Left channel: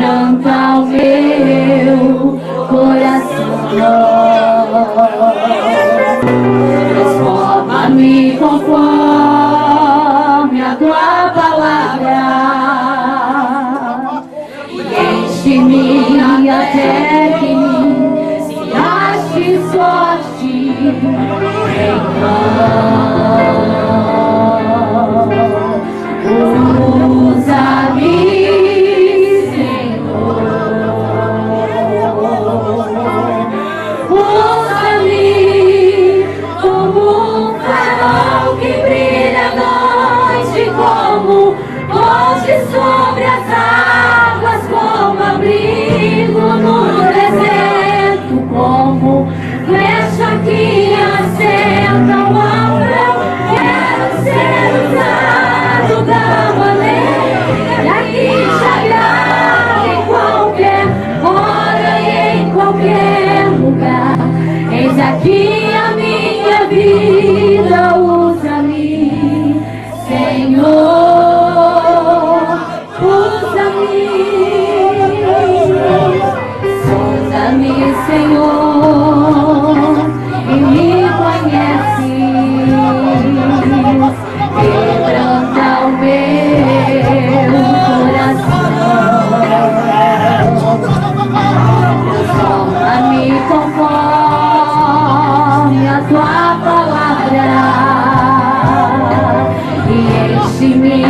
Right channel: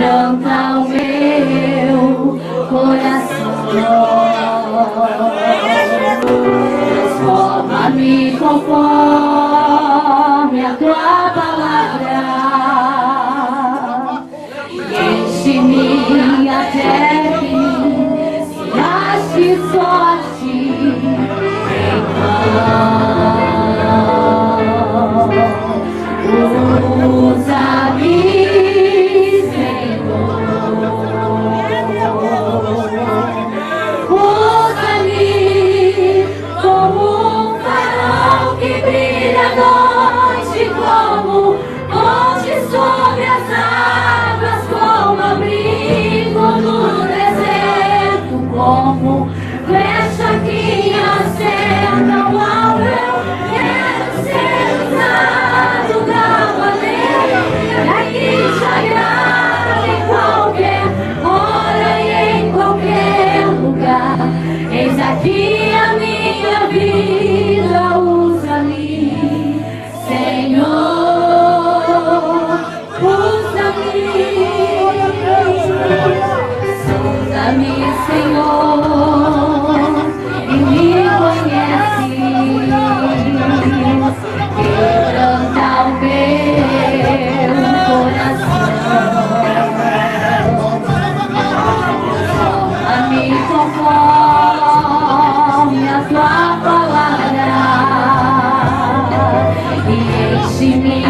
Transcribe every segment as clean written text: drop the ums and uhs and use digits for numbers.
quebranta o meu coração. Transforma-me conforme a tua palavra, enche-me até que se ache sorte em usa-me, Senhor, usa-me como um farol que brilha à noite, como ponte sobre as águas, como abrigo no deserto, como flecha que acerta o alvo. Eu quero ser usado da maneira que te agrada, em qualquer hora e em qualquer lugar. Eis aqui a minha vida, usa-me, Senhor, usa-me. Sonda-me, Senhor, e me conhece, quebranta o meu coração. Transforma-me conforme a tua palavra e enche-me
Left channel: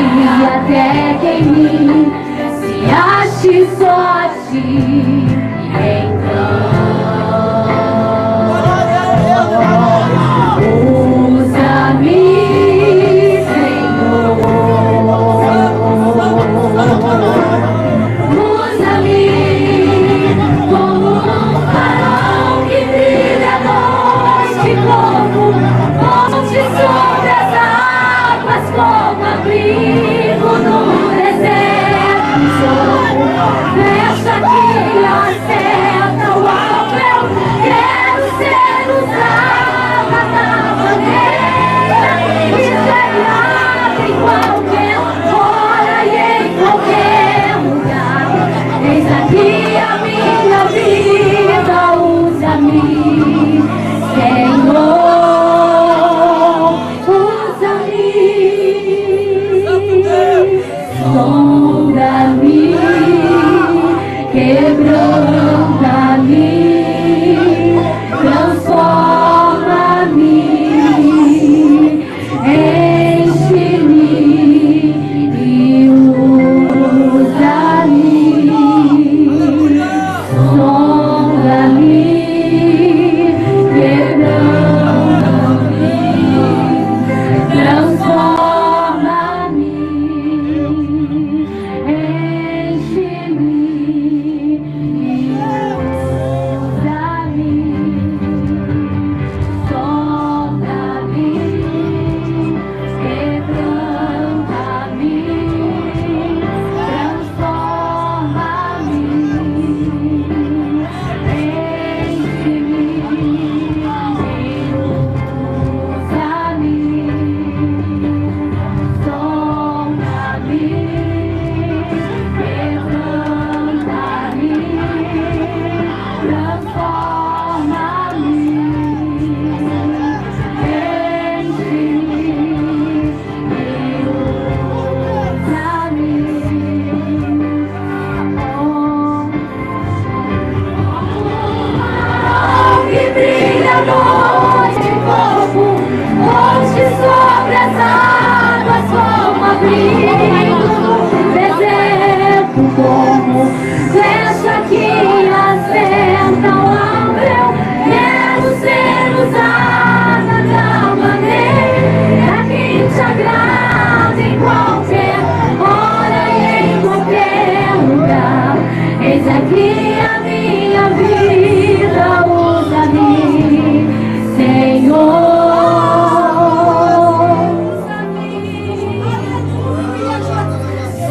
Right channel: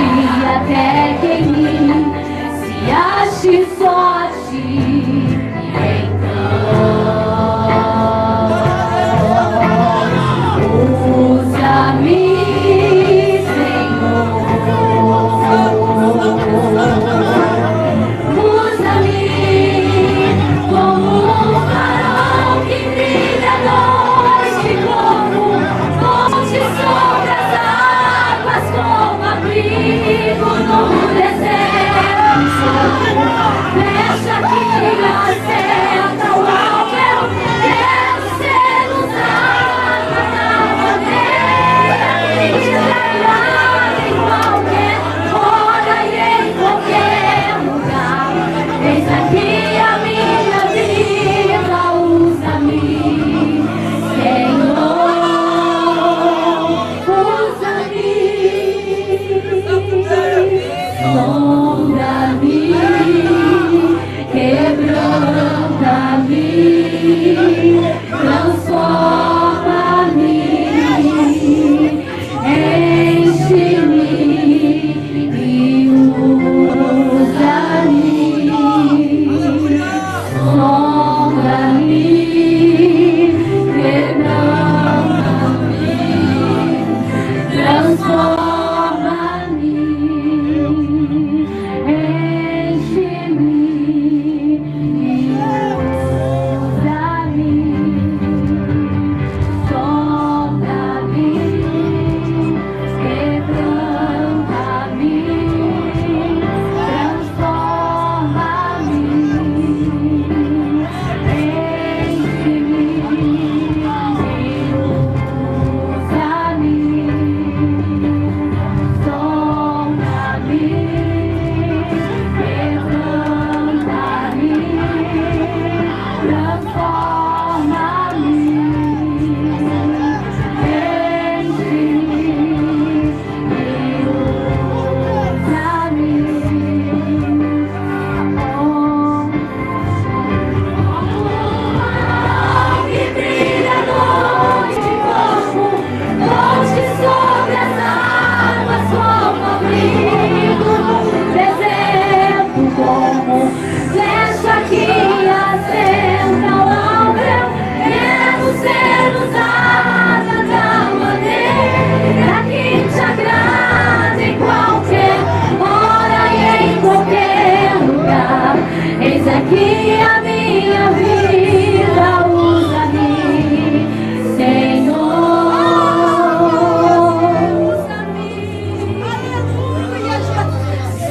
até que em mim se ache sorte. Usa-me, Senhor, usa-me como um farol que brilha à noite, como ponte sobre as águas, como abrigo no deserto, flecha que acerta o alvo. Eu quero ser usada da maneira que te agrada, em qualquer hora e em qualquer lugar. Eis aqui a minha vida, usa-me, Senhor, usa-me. Sonda-me, quebranta-me, transforma-me, enche-me e usa-me. Sonda-me, quebranta-me, transforma-me, enche-me e usa-me.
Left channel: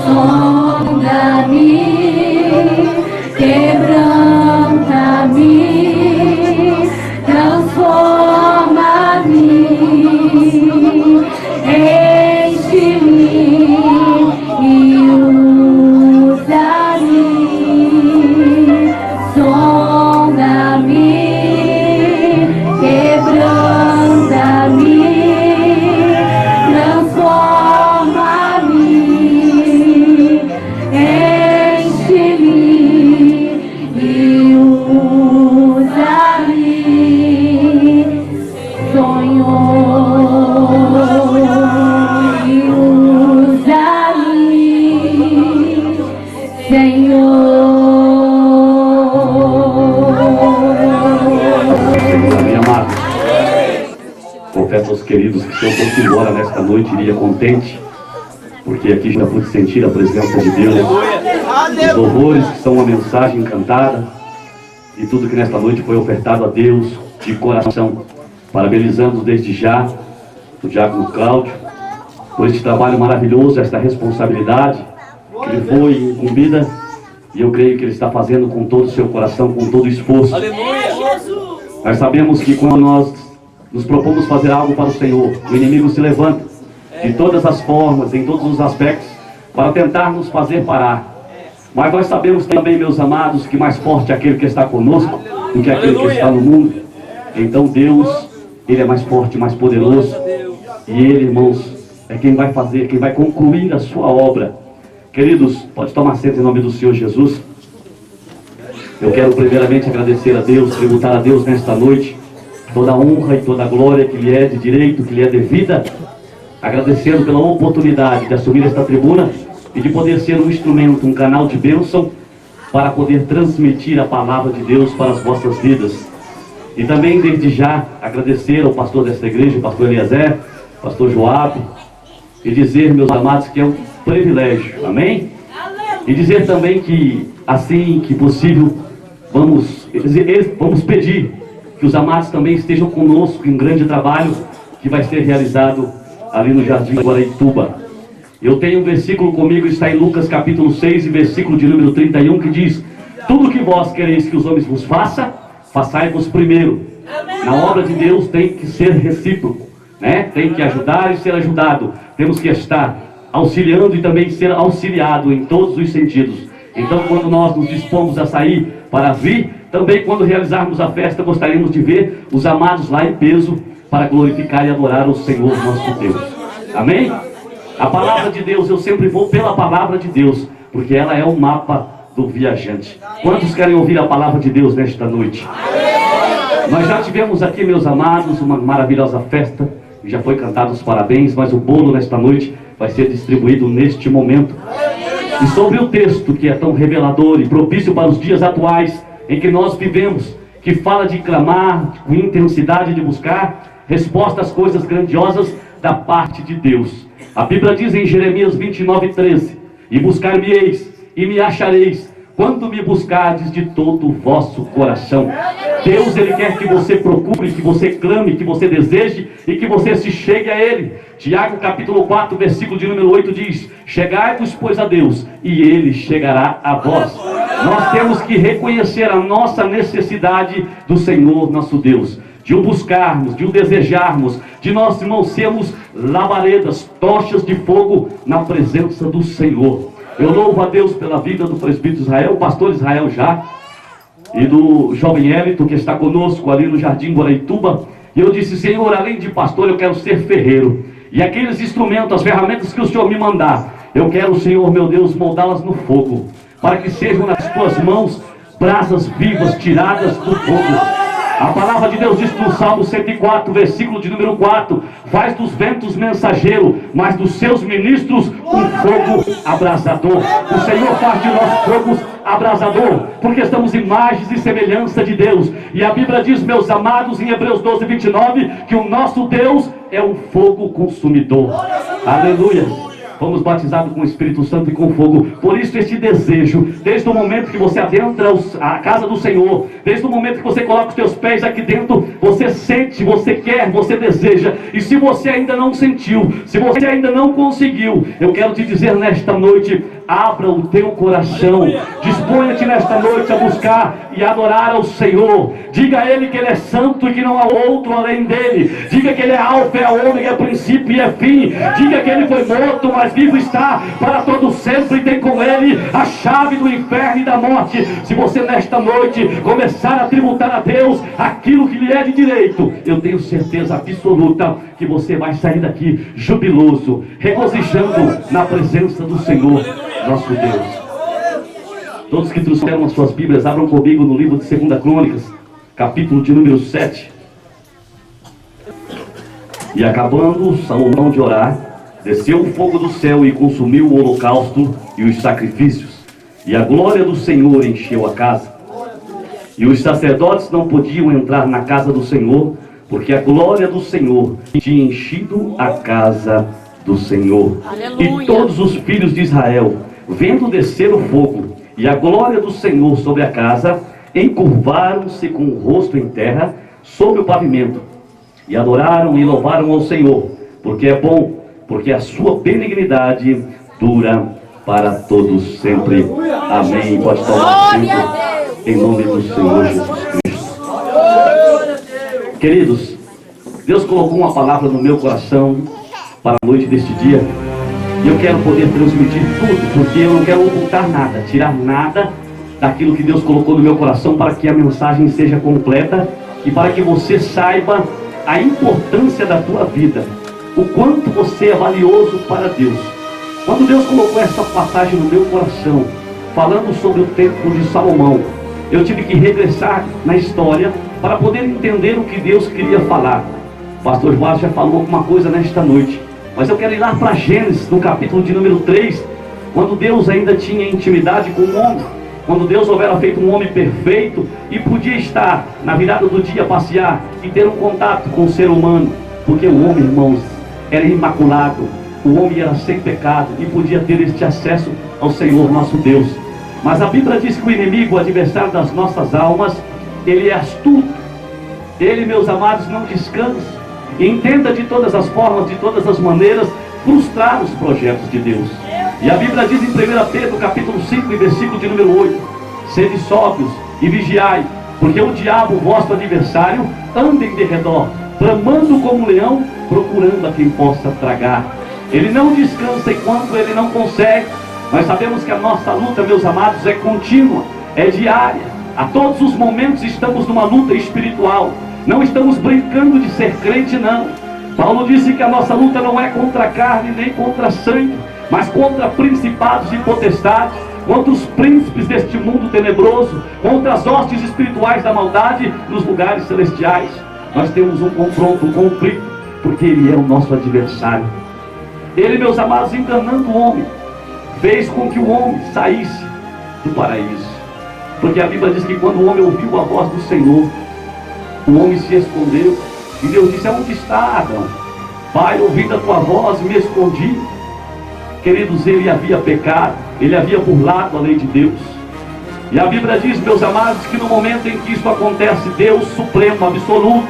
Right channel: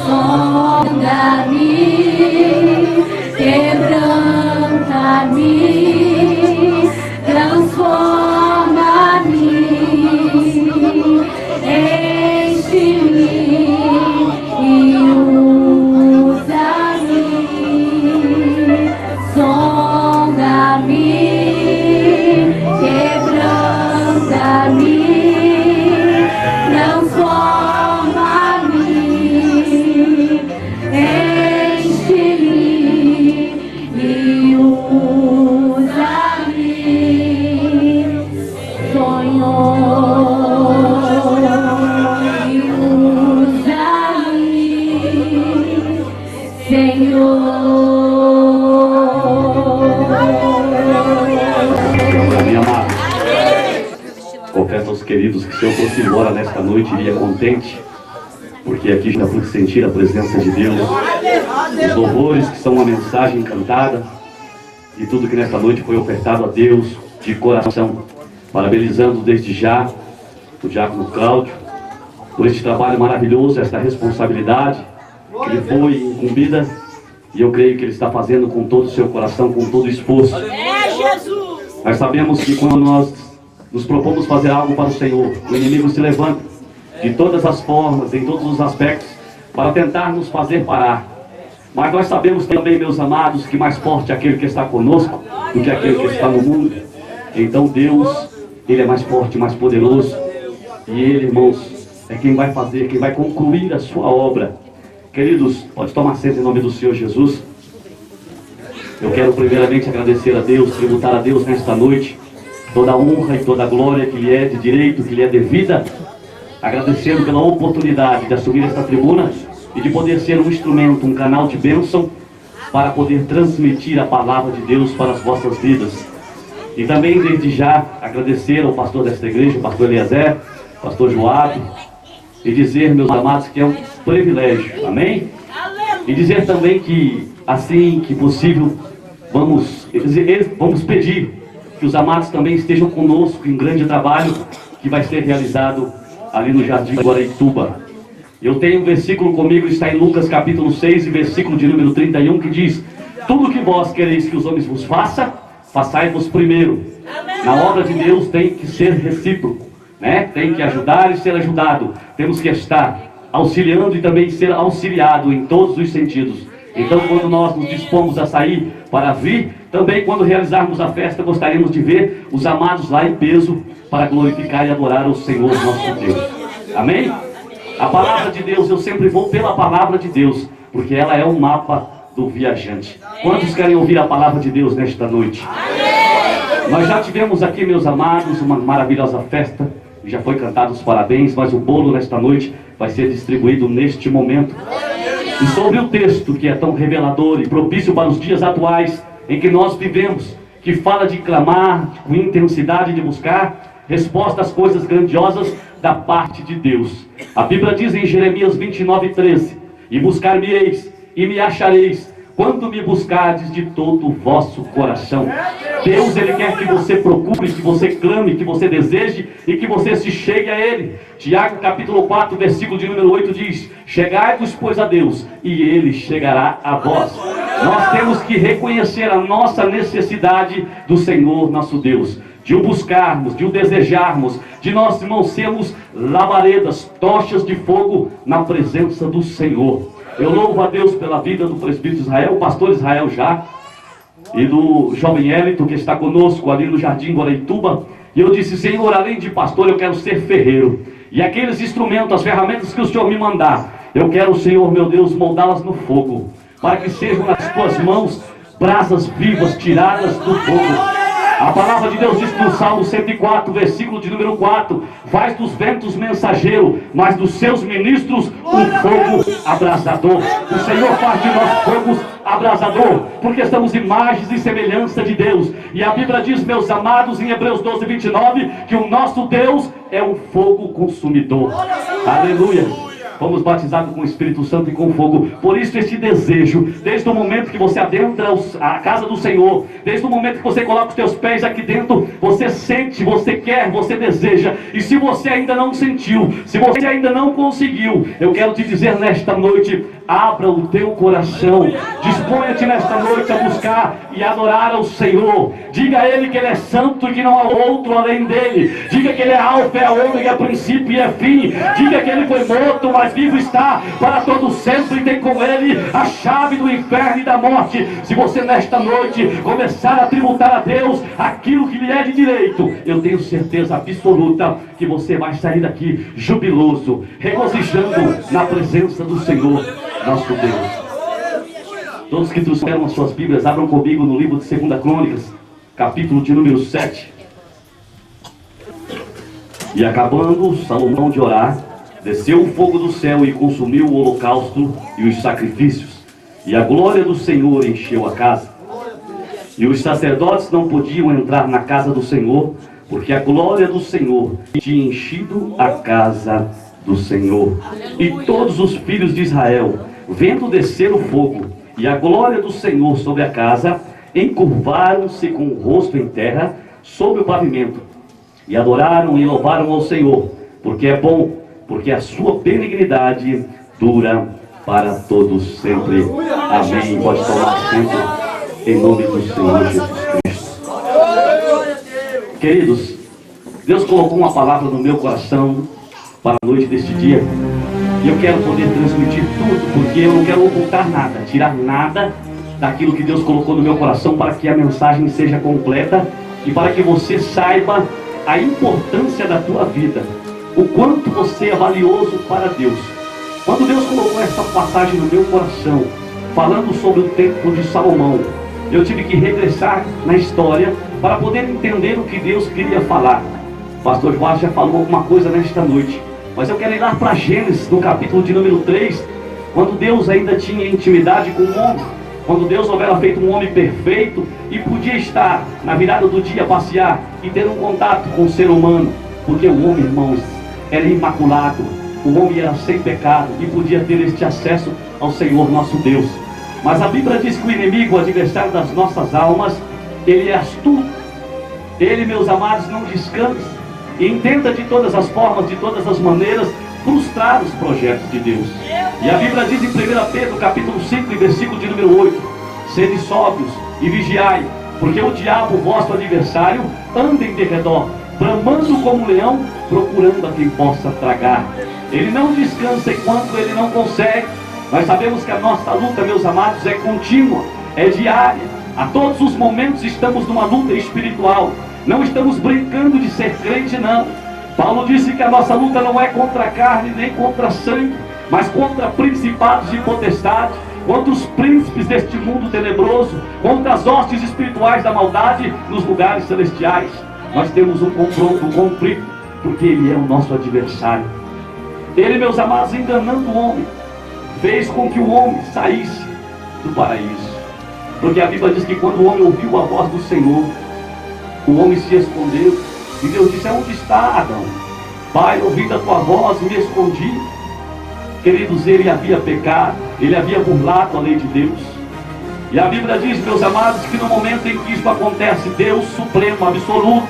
Sonda-me, quebranta-me, transforma-me, Enche-me e usa-me. Senhor. Amém, amado. Confesso aos queridos que se eu fosse embora nesta noite iria contente, porque aqui já pude sentir a presença de Deus, os louvores que são uma mensagem cantada e tudo que nesta noite foi ofertado a Deus de coração. Parabenizando desde já o diácono Cláudio por este trabalho maravilhoso, esta responsabilidade que lhe foi incumbida, e eu creio que ele está fazendo com todo o seu coração, com todo o esforço. Nós sabemos que quando nós nos propomos fazer algo para o Senhor, o inimigo se levanta de todas as formas, em todos os aspectos, para tentar nos fazer parar. Mas nós sabemos também, meus amados, que mais forte é aquele que está conosco do que aquele que está no mundo. Então Deus, Ele é mais forte, mais poderoso, e Ele, irmãos, é quem vai fazer, quem vai concluir a sua obra. Queridos, pode tomar assento em nome do Senhor Jesus. Eu quero primeiramente agradecer a Deus, tributar a Deus nesta noite toda a honra e toda a glória que lhe é de direito, que lhe é devida, agradecendo pela oportunidade de assumir esta tribuna e de poder ser um instrumento, um canal de bênção para poder transmitir a palavra de Deus para as vossas vidas. E também desde já agradecer ao pastor desta igreja, o pastor Eliezer, pastor Joabe, e dizer, meus amados, que é um privilégio, amém? E dizer também que, assim que possível, vamos pedir que os amados também estejam conosco em um grande trabalho que vai ser realizado ali no Jardim Guaraituba. Eu tenho um versículo comigo, está em Lucas capítulo 6, e versículo de número 31, que diz: tudo que vós quereis que os homens vos façam, façai-vos primeiro. Na obra de Deus tem que ser recíproco, né? Tem que ajudar e ser ajudado. Temos que estar auxiliando e também ser auxiliado em todos os sentidos. Então, quando nós nos dispomos a sair para vir, também quando realizarmos a festa, gostaríamos de ver os amados lá em peso para glorificar e adorar o Senhor nosso Deus. Amém? A palavra de Deus, eu sempre vou pela palavra de Deus, porque ela é o mapa do viajante. Quantos querem ouvir a palavra de Deus nesta noite? Nós já tivemos aqui, meus amados, uma maravilhosa festa, já foi cantado os parabéns, mas o bolo nesta noite vai ser distribuído neste momento. E sobre o texto que é tão revelador e propício para os dias atuais em que nós vivemos, que fala de clamar com intensidade, de buscar resposta às coisas grandiosas da parte de Deus. A Bíblia diz em Jeremias 29:13: e buscar-me-eis e me achareis, quando me buscardes de todo o vosso coração. Deus, Ele quer que você procure, que você clame, que você deseje e que você se chegue a Ele. Tiago capítulo 4, versículo de número 8 diz: chegai-vos, pois, a Deus, e Ele chegará a vós. Nós temos que reconhecer a nossa necessidade do Senhor nosso Deus, de o buscarmos, de o desejarmos, de nós, irmãos, sermos labaredas, tochas de fogo na presença do Senhor. Eu louvo a Deus pela vida do presbítero Israel, o pastor Israel já, e do jovem Élito que está conosco ali no Jardim Guaraituba. E eu disse: Senhor, além de pastor, eu quero ser ferreiro. E aqueles instrumentos, as ferramentas que o Senhor me mandar, eu quero, Senhor meu Deus, moldá-las no fogo, para que sejam nas tuas mãos brasas vivas tiradas do fogo. A palavra de Deus diz no Salmo 104, versículo de número 4: faz dos ventos mensageiro, mas dos seus ministros um fogo abrasador. O Senhor faz de nós fogos abrasador, porque estamos imagens e semelhança de Deus. E a Bíblia diz, meus amados, em Hebreus 12, 29, que o nosso Deus é um fogo consumidor. Aleluia! Fomos batizados com o Espírito Santo e com fogo. Por isso este desejo, desde o momento que você adentra a casa do Senhor, desde o momento que você coloca os teus pés aqui dentro, você sente, você quer, você deseja. E se você ainda não sentiu, se você ainda não conseguiu, eu quero te dizer nesta noite: abra o teu coração, disponha-te nesta noite a buscar e adorar ao Senhor. Diga a Ele que Ele é santo e que não há outro além dEle. Diga que Ele é alfa, é ômega, é princípio e é fim. Diga que Ele foi morto, mas vivo está para todo sempre, e tem com Ele a chave do inferno e da morte. Se você nesta noite começar a tributar a Deus aquilo que lhe é de direito, eu tenho certeza absoluta que você vai sair daqui jubiloso, regozijando na presença do Senhor nosso Deus. Todos que trouxeram as suas Bíblias, abram comigo no livro de 2 Crônicas, capítulo de número 7. E acabando Salomão de orar, desceu o fogo do céu e consumiu o holocausto e os sacrifícios, e a glória do Senhor encheu a casa. E os sacerdotes não podiam entrar na casa do Senhor, porque a glória do Senhor tinha enchido a casa do Senhor. E todos os filhos de Israel, vendo descer o fogo e a glória do Senhor sobre a casa, encurvaram-se com o rosto em terra sobre o pavimento, e adoraram e louvaram ao Senhor, porque é bom, porque a sua benignidade dura para todos sempre. Amém. Pode tomar sempre em nome do Senhor Jesus Cristo. Queridos, Deus colocou uma palavra no meu coração para a noite deste dia, e eu quero poder transmitir tudo, porque eu não quero ocultar nada, tirar nada daquilo que Deus colocou no meu coração, para que a mensagem seja completa e para que você saiba a importância da tua vida, o quanto você é valioso para Deus. Quando Deus colocou essa passagem no meu coração, falando sobre o tempo de Salomão, eu tive que regressar na história para poder entender o que Deus queria falar. O pastor João já falou alguma coisa nesta noite, mas eu quero ir lá para Gênesis, no capítulo de número 3, quando Deus ainda tinha intimidade com o homem, quando Deus houvera feito um homem perfeito e podia estar na virada do dia, passear e ter um contato com o ser humano, porque o homem, irmãos, era imaculado, o homem era sem pecado e podia ter este acesso ao Senhor nosso Deus. Mas a Bíblia diz que o inimigo, o adversário das nossas almas, ele é astuto, ele, meus amados, não descansa e intenta de todas as formas, de todas as maneiras, frustrar os projetos de Deus. E a Bíblia diz em 1 Pedro capítulo 5, versículo de número 8: sede sóbrios e vigiai, porque o diabo, vosso adversário, anda em derredor, bramando como um leão, procurando a quem possa tragar. Ele não descansa enquanto ele não consegue. Nós sabemos que a nossa luta, meus amados, é contínua, é diária. A todos os momentos estamos numa luta espiritual. Não estamos brincando de ser crente, não. Paulo disse que a nossa luta não é contra a carne nem contra a sangue, mas contra principados e potestades, contra os príncipes deste mundo tenebroso, contra as hostes espirituais da maldade nos lugares celestiais. Nós temos um confronto, um conflito, porque ele é o nosso adversário. Ele, meus amados, enganando o homem, fez com que o homem saísse do paraíso. Porque a Bíblia diz que quando o homem ouviu a voz do Senhor, o homem se escondeu, e Deus disse: aonde está, Adão? Pai, ouvindo a tua voz, me escondi. Queridos, ele havia pecado, ele havia burlado a lei de Deus. E a Bíblia diz, meus amados, que no momento em que isso acontece, Deus supremo, absoluto,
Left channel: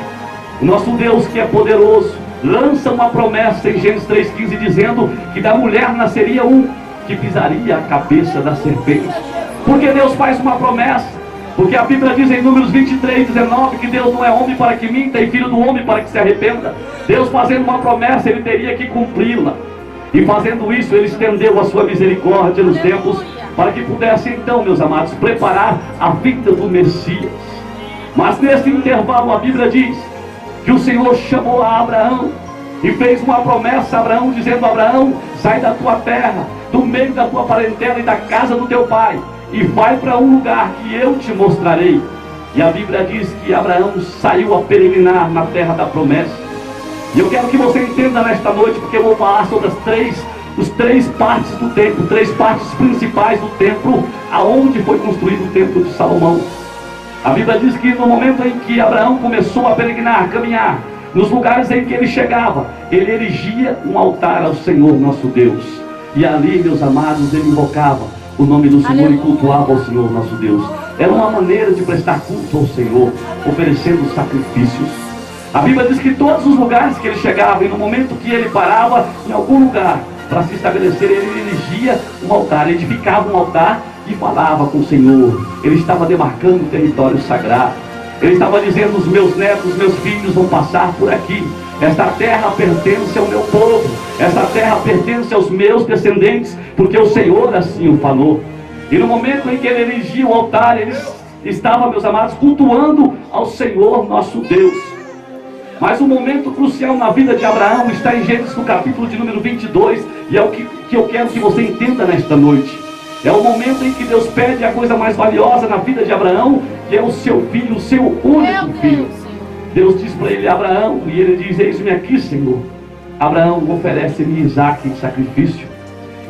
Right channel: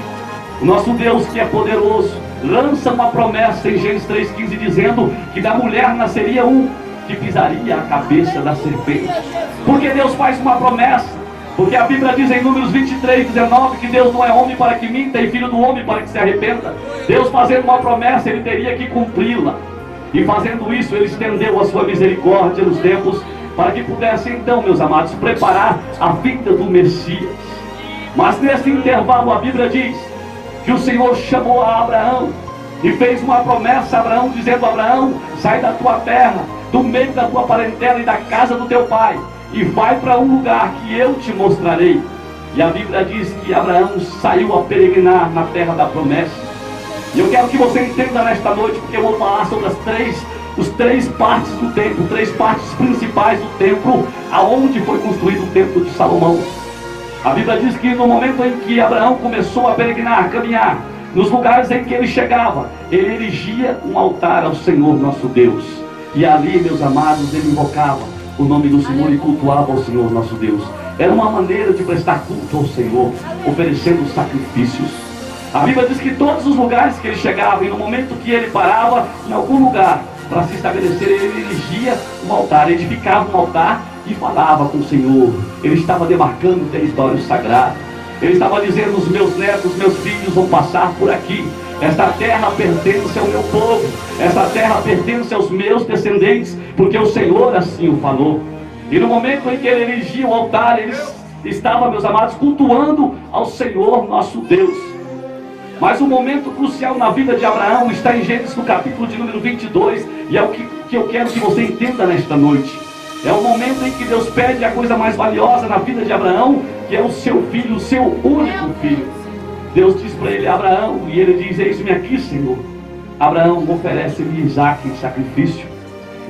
o nosso Deus que é poderoso, lança uma promessa em Gênesis 3,15, dizendo que da mulher nasceria um que pisaria a cabeça da serpente. Porque Deus faz uma promessa? Porque a Bíblia diz em Números 23:19 que Deus não é homem para que minta, e filho do homem para que se arrependa. Deus fazendo uma promessa, ele teria que cumpri-la. E fazendo isso, ele estendeu a sua misericórdia nos tempos, para que pudesse então, meus amados, preparar a vinda do Messias. Mas nesse intervalo a Bíblia diz que o Senhor chamou a Abraão e fez uma promessa a Abraão, dizendo: Abraão, sai da tua terra, do meio da tua parentela e da casa do teu pai, e vai para um lugar que eu te mostrarei. E a Bíblia diz que Abraão saiu a peregrinar na terra da promessa. E eu quero que você entenda nesta noite, porque eu vou falar sobre os três partes do templo, três partes principais do templo, aonde foi construído o templo de Salomão. A Bíblia diz que no momento em que Abraão começou a peregrinar, a caminhar, nos lugares em que ele chegava, ele erigia um altar ao Senhor nosso Deus. E ali, meus amados, ele invocava o nome do Senhor e cultuava ao Senhor nosso Deus. Era uma maneira de prestar culto ao Senhor, oferecendo sacrifícios. A Bíblia diz que todos os lugares que ele chegava, e no momento que ele parava em algum lugar para se estabelecer, ele erigia um altar, edificava um altar e falava com o Senhor. Ele estava demarcando o território sagrado. Ele estava dizendo: os meus netos, meus filhos vão passar por aqui. Esta terra pertence ao meu povo, esta terra pertence aos meus descendentes, porque o Senhor assim o falou. E no momento em que ele erigia o altar, ele estava, meus amados, cultuando ao Senhor nosso Deus. Mas o momento crucial na vida de Abraão está em Gênesis, no capítulo de número 22, e é o que eu quero que você entenda nesta noite. É o momento em que Deus pede a coisa mais valiosa na vida de Abraão, que é o seu filho, o seu único filho. Deus diz para ele: Abraão, e ele diz: eis-me aqui, Senhor. Abraão, oferece-me Isaque em sacrifício.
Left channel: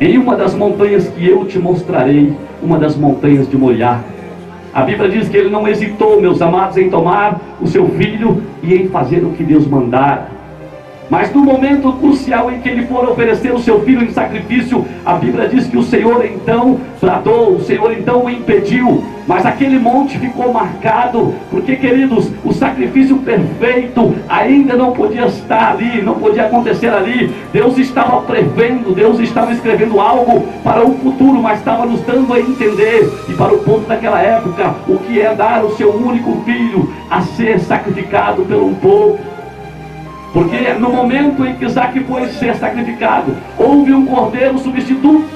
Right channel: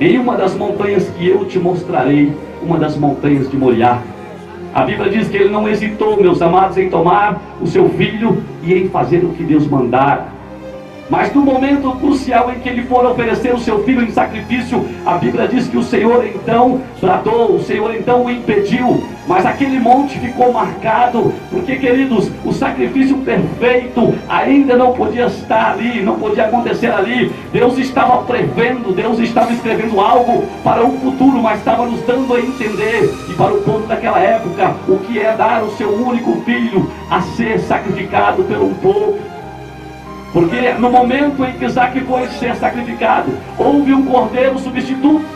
em uma das montanhas que eu te mostrarei, uma das montanhas de Moriá. A Bíblia diz que ele não hesitou, meus amados, em tomar o seu filho e em fazer o que Deus mandara. Mas no momento crucial em que ele for oferecer o seu filho em sacrifício, a Bíblia diz que o Senhor então bradou, o Senhor então o impediu. Mas aquele monte ficou marcado, porque, queridos, o sacrifício perfeito ainda não podia estar ali, não podia acontecer ali. Deus estava prevendo, Deus estava escrevendo algo para o futuro, mas estava nos dando a entender, e para o povo daquela época, o que é dar o seu único filho a ser sacrificado pelo povo. Porque no momento em que Isaac foi ser sacrificado, houve um cordeiro substituto.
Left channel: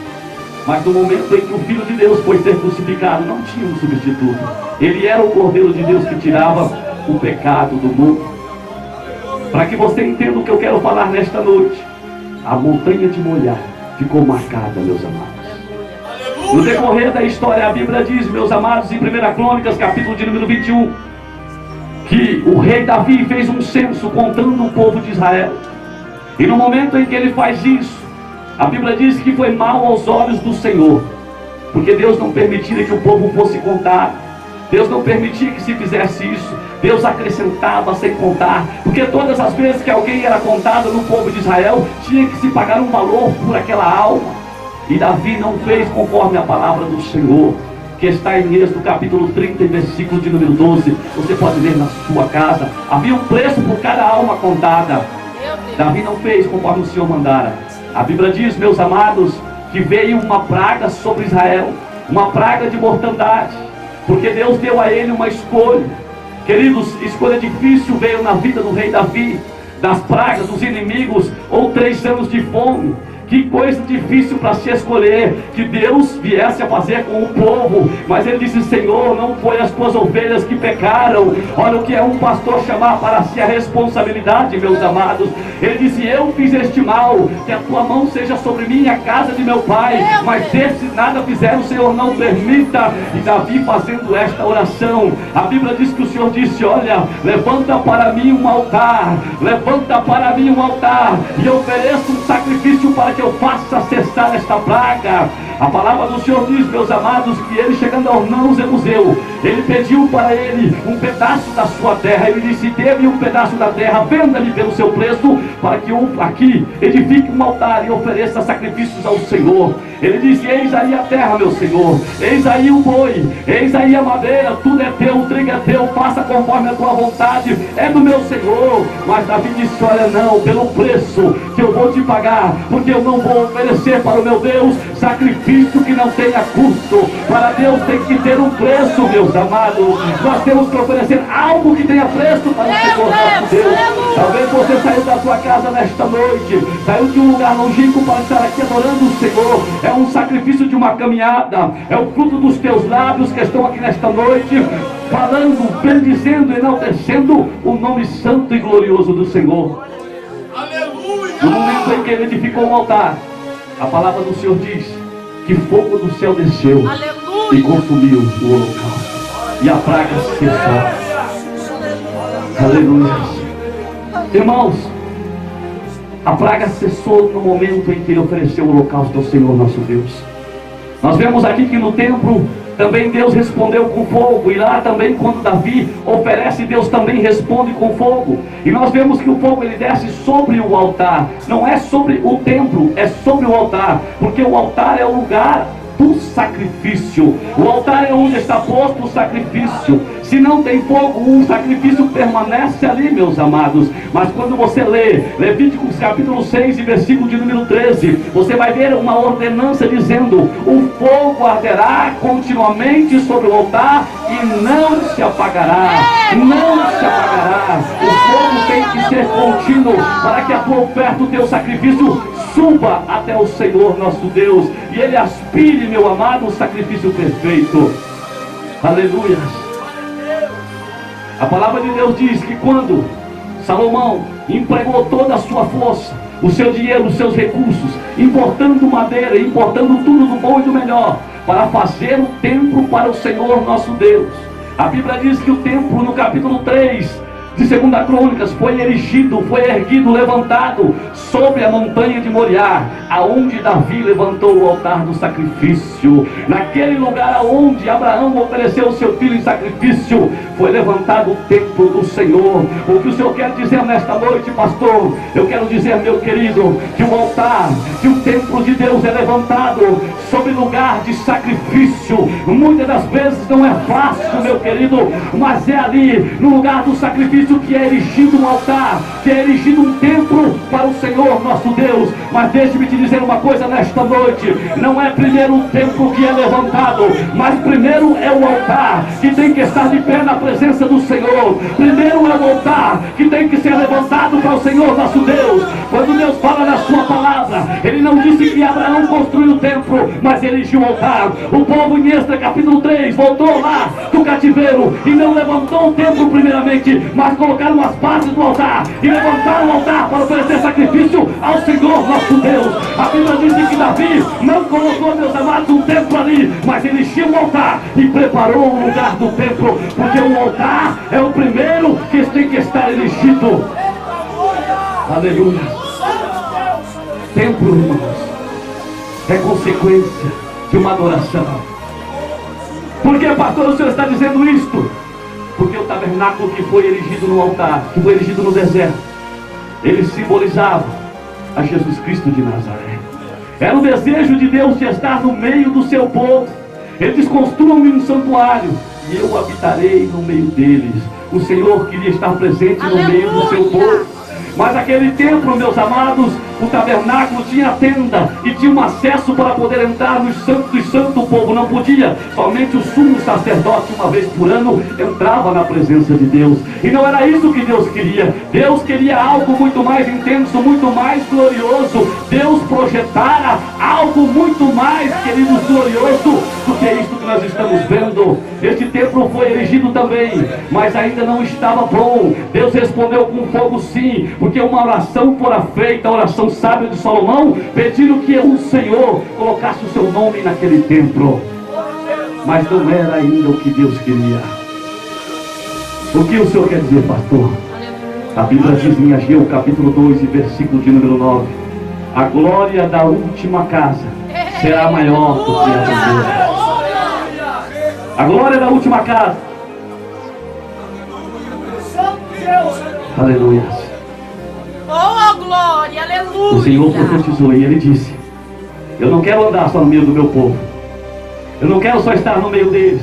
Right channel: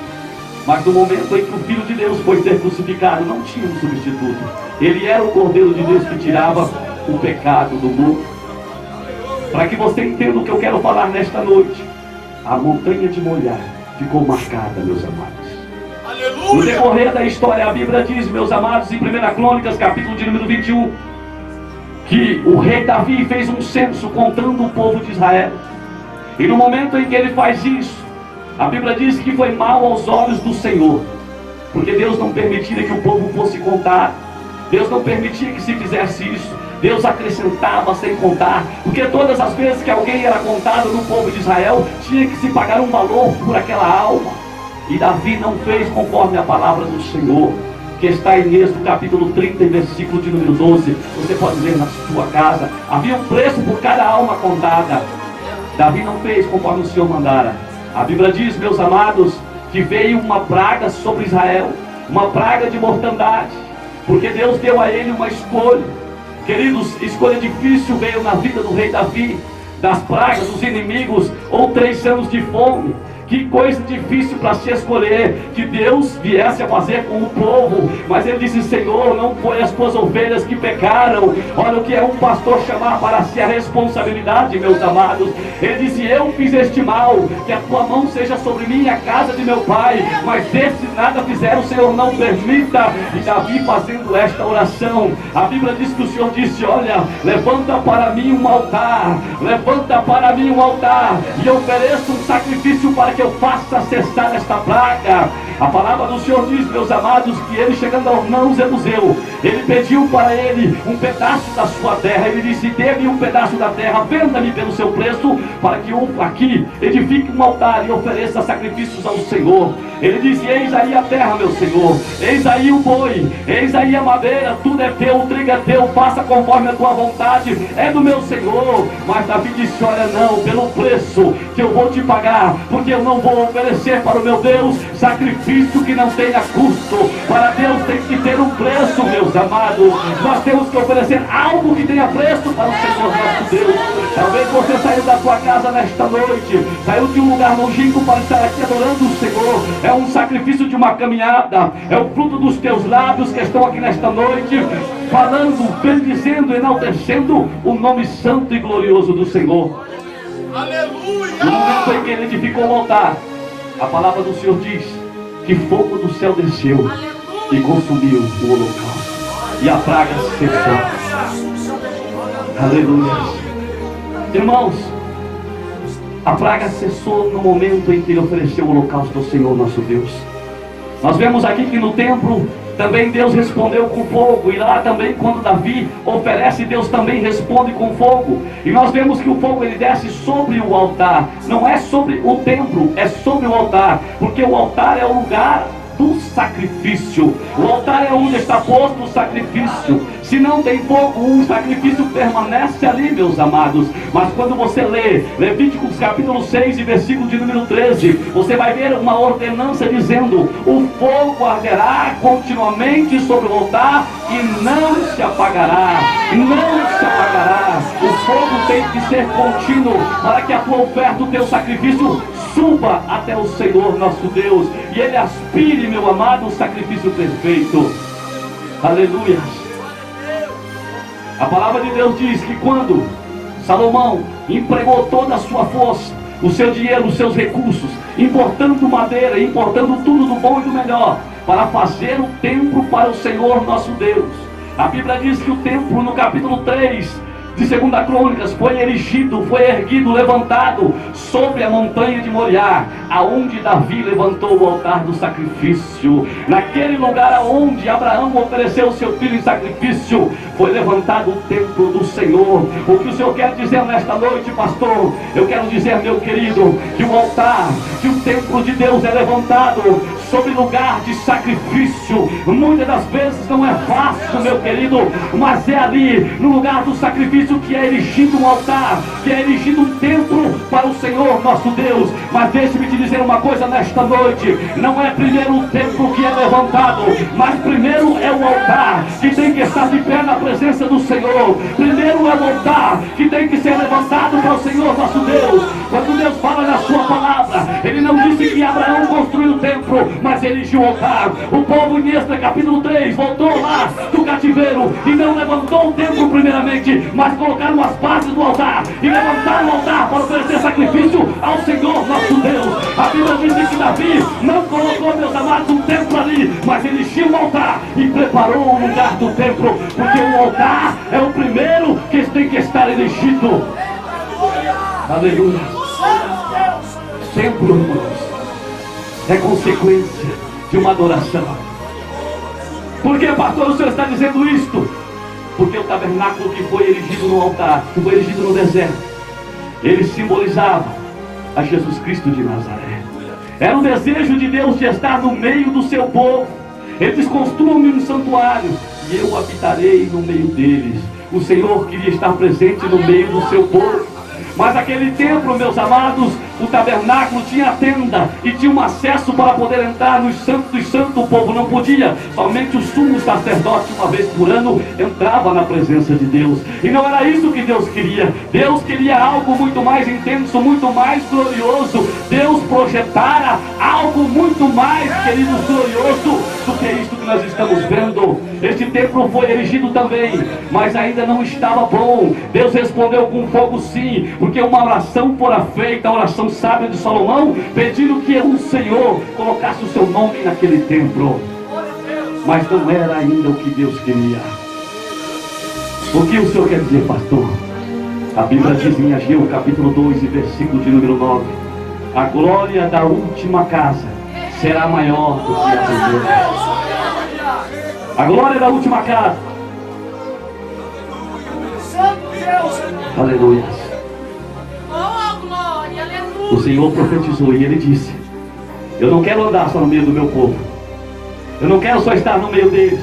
Mas no momento em que o Filho de Deus foi ser crucificado, não tinha um substituto. Ele era o cordeiro de Deus que tirava o pecado do mundo. Para que você entenda o que eu quero falar nesta noite, a montanha de Moriá ficou marcada, meus amados. No decorrer da história, a Bíblia diz, meus amados, em 1 Crônicas, capítulo de número 21, que o rei Davi fez um censo contando o povo de Israel. E no momento em que ele faz isso, a Bíblia diz que foi mal aos olhos do Senhor, porque Deus não permitia que o povo fosse contado. Deus não permitia que se fizesse isso. Deus acrescentava sem contar, porque todas as vezes que alguém era contado no povo de Israel, tinha que se pagar um valor por aquela alma. E Davi não fez conforme a palavra do Senhor, que está em Êxodo capítulo 30, versículo de número 12. Você pode ler na sua casa. Havia um preço por cada alma contada. Davi não fez conforme o Senhor mandara. A Bíblia diz, meus amados, que veio uma praga sobre Israel, uma praga de mortandade, porque Deus deu a ele uma escolha. Queridos, escolha difícil veio na vida do rei Davi, das pragas, dos inimigos, ou 3 anos de fome. Que coisa difícil para se escolher, que Deus viesse a fazer com o povo. Mas ele disse, Senhor, não foi as tuas ovelhas que pecaram. Olha o que é um pastor chamar para si a responsabilidade, meus amados. Ele disse, eu fiz este mal, que a tua mão seja sobre mim e a casa de meu pai. Mas desses nada fizeram, o Senhor não permita. E Davi fazendo esta oração, a Bíblia diz que o Senhor disse, olha, levanta para mim um altar, levanta para mim um altar, e ofereço um sacrifício para que eu faça cessar esta praga. A palavra do Senhor diz, meus amados, que ele, chegando a Ornã, o Jebuseu, ele pediu para ele um pedaço da sua terra. Ele disse, dê-me um pedaço da terra, venda-me pelo seu preço, para que eu aqui edifique um altar e ofereça sacrifícios ao Senhor. Ele disse, eis aí a terra, meu Senhor, eis aí o boi, eis aí a madeira, tudo é teu, o trigo é teu, faça conforme a tua vontade, é do meu Senhor. Mas Davi disse, olha, não, pelo preço que eu vou te pagar, porque eu não vou oferecer para o meu Deus sacrifício que não tenha custo. Para Deus tem que ter um preço, meus amados. Nós temos que oferecer algo que tenha preço para o Senhor nosso Deus. Talvez você saiu da sua casa nesta noite, saiu de um lugar longínquo para estar aqui adorando o Senhor. É um sacrifício de uma caminhada, é o fruto dos teus lábios que estão aqui nesta noite, falando, bendizendo, enaltecendo o nome santo e glorioso do Senhor. No momento em que ele edificou o altar, a palavra do Senhor diz que fogo do céu desceu e consumiu o holocausto, e a praga cessou. Aleluia. Irmãos, a praga cessou no momento em que ele ofereceu o holocausto ao Senhor nosso Deus. Nós vemos aqui que no templo também Deus respondeu com fogo, e lá também quando Davi oferece, Deus também responde com fogo. E nós vemos que o fogo ele desce sobre o altar, não é sobre o templo, é sobre o altar, porque o altar é o lugar do sacrifício. O altar é onde está posto o sacrifício. Se não tem fogo, o sacrifício permanece ali, meus amados. Mas quando você lê Levíticos capítulo 6 e versículo de número 13, você vai ver uma ordenança dizendo: o fogo arderá continuamente sobre o altar e não se apagará. Não se apagará. O fogo tem que ser contínuo para que a tua oferta, o teu sacrifício suba até o Senhor nosso Deus, e ele aspire, meu amado, o sacrifício perfeito. Aleluia. A palavra de Deus diz que quando Salomão empregou toda a sua força, o seu dinheiro, os seus recursos, importando madeira, importando tudo do bom e do melhor, para fazer o templo para o Senhor nosso Deus. A Bíblia diz que o templo, no capítulo 3, de 2 Crônicas, foi erigido, foi erguido, levantado sobre a montanha de Moriá, aonde Davi levantou o altar do sacrifício. Naquele lugar aonde Abraão ofereceu seu filho em sacrifício, foi levantado o templo do Senhor. O que o Senhor quer dizer nesta noite, pastor? Eu quero dizer, meu querido, que o altar, que o templo de Deus é levantado sobre lugar de sacrifício. Muitas das vezes não é fácil, meu querido, mas é ali, no lugar do sacrifício, que é erigido um altar, que é erigido um templo para o Senhor nosso Deus. Mas deixe-me te dizer uma coisa nesta noite: não é primeiro o templo que é levantado, mas primeiro é o altar que tem que estar de pé na presença do Senhor. Primeiro é o altar que tem que ser levantado para o Senhor nosso Deus. Quando Deus fala na sua palavra, Ele não disse que Abraão construiu o templo, mas erigiu o altar. O povo em Êxodo capítulo 3 voltou lá do cativeiro e não levantou o templo primeiramente, mas colocaram as bases do altar e levantaram o altar para oferecer sacrifício ao Senhor nosso Deus. A Bíblia diz que Davi não colocou, meus amados, um templo ali, mas ele erigiu um altar e preparou o lugar do templo, porque o altar é o primeiro que tem que estar erigido. Aleluia. Templo, irmãos, é consequência de uma adoração. Por que, pastor, o senhor está dizendo isto? Porque o tabernáculo que foi erigido no altar, que foi erigido no deserto, ele simbolizava a Jesus Cristo de Nazaré. Era o desejo de Deus de estar no meio do seu povo. Ele diz: construam-me um santuário e eu habitarei no meio deles. O Senhor queria estar presente no meio do seu povo. Mas aquele templo, meus amados, o tabernáculo tinha tenda e tinha um acesso para poder entrar nos santos dos santos. O povo não podia, somente o sumo sacerdote, uma vez por ano, entrava na presença de Deus. E não era isso que Deus queria. Deus queria algo muito mais intenso, muito mais glorioso. Deus projetara algo muito mais, queridos, glorioso do que isto que nós estamos vendo. Este templo foi erigido também, mas ainda não estava bom. Deus respondeu com fogo, sim, porque uma oração fora feita, a oração sábia de Salomão, pedindo que o Senhor colocasse o seu nome naquele templo. Mas não era ainda o que Deus queria. O que o Senhor quer dizer, pastor? A Bíblia diz em Ageu capítulo 2 e versículo de número 9: a glória da última casa será maior do que a primeira. A glória da última casa. Aleluia. O Senhor profetizou e Ele disse: eu não quero andar só no meio do meu povo, eu não quero só estar no meio deles.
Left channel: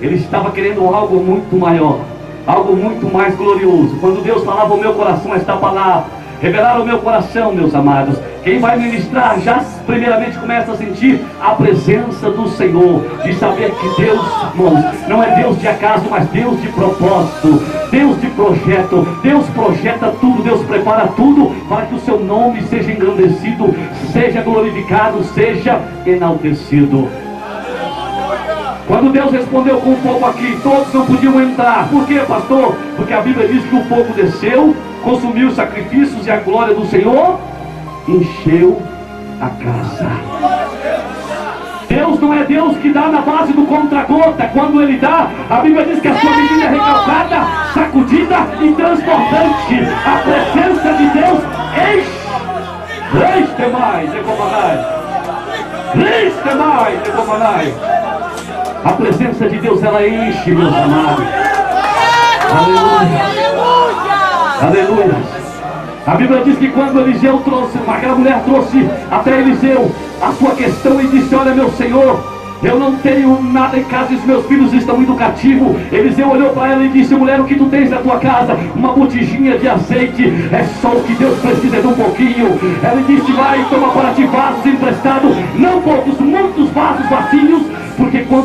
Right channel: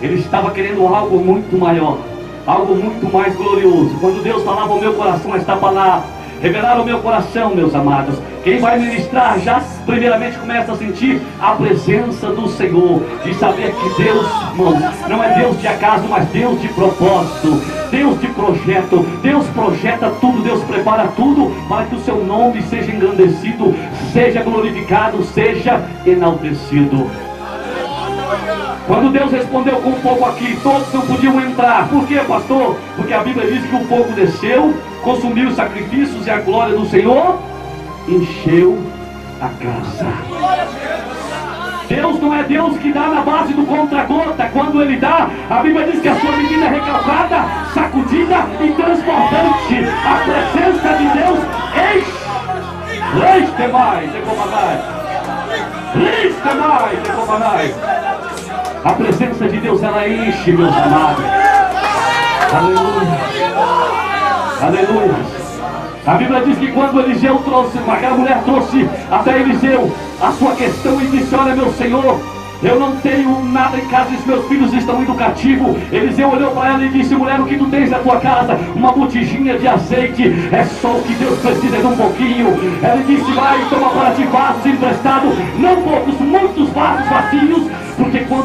Ele estava querendo algo muito maior, algo muito mais glorioso. Quando Deus falava ao meu coração esta palavra, revelar o meu coração, meus amados, quem vai ministrar já primeiramente começa a sentir a presença do Senhor, de saber que Deus, irmãos, não é Deus de acaso, mas Deus de propósito, Deus de projeto. Deus projeta tudo, Deus prepara tudo para que o seu nome seja engrandecido, seja glorificado, seja enaltecido. Quando Deus respondeu com fogo aqui, todos não podiam entrar. Por quê, pastor? Porque a Bíblia diz que o fogo desceu, consumiu os sacrifícios e a glória do Senhor encheu a casa. Deus não é Deus que dá na base do contra-gota. Quando Ele dá, a Bíblia diz que a sua medida é recalcada, sacudida e transbordante. A presença de Deus enche. Enche mais, enche mais, enche mais. A presença de Deus, ela enche, meus amados. Aleluia. Aleluia. A Bíblia diz que quando Eliseu trouxe, aquela mulher trouxe até Eliseu a sua questão e disse: olha, meu Senhor, eu não tenho nada em casa e os meus filhos estão indo cativo. Eliseu olhou para ela e disse: mulher, o que tu tens na tua casa? Uma botijinha de azeite. É só o que Deus precisa, de um pouquinho. Ela disse: vai e toma para ti vasos emprestados, não poucos, muitos vasos vazios, porque quando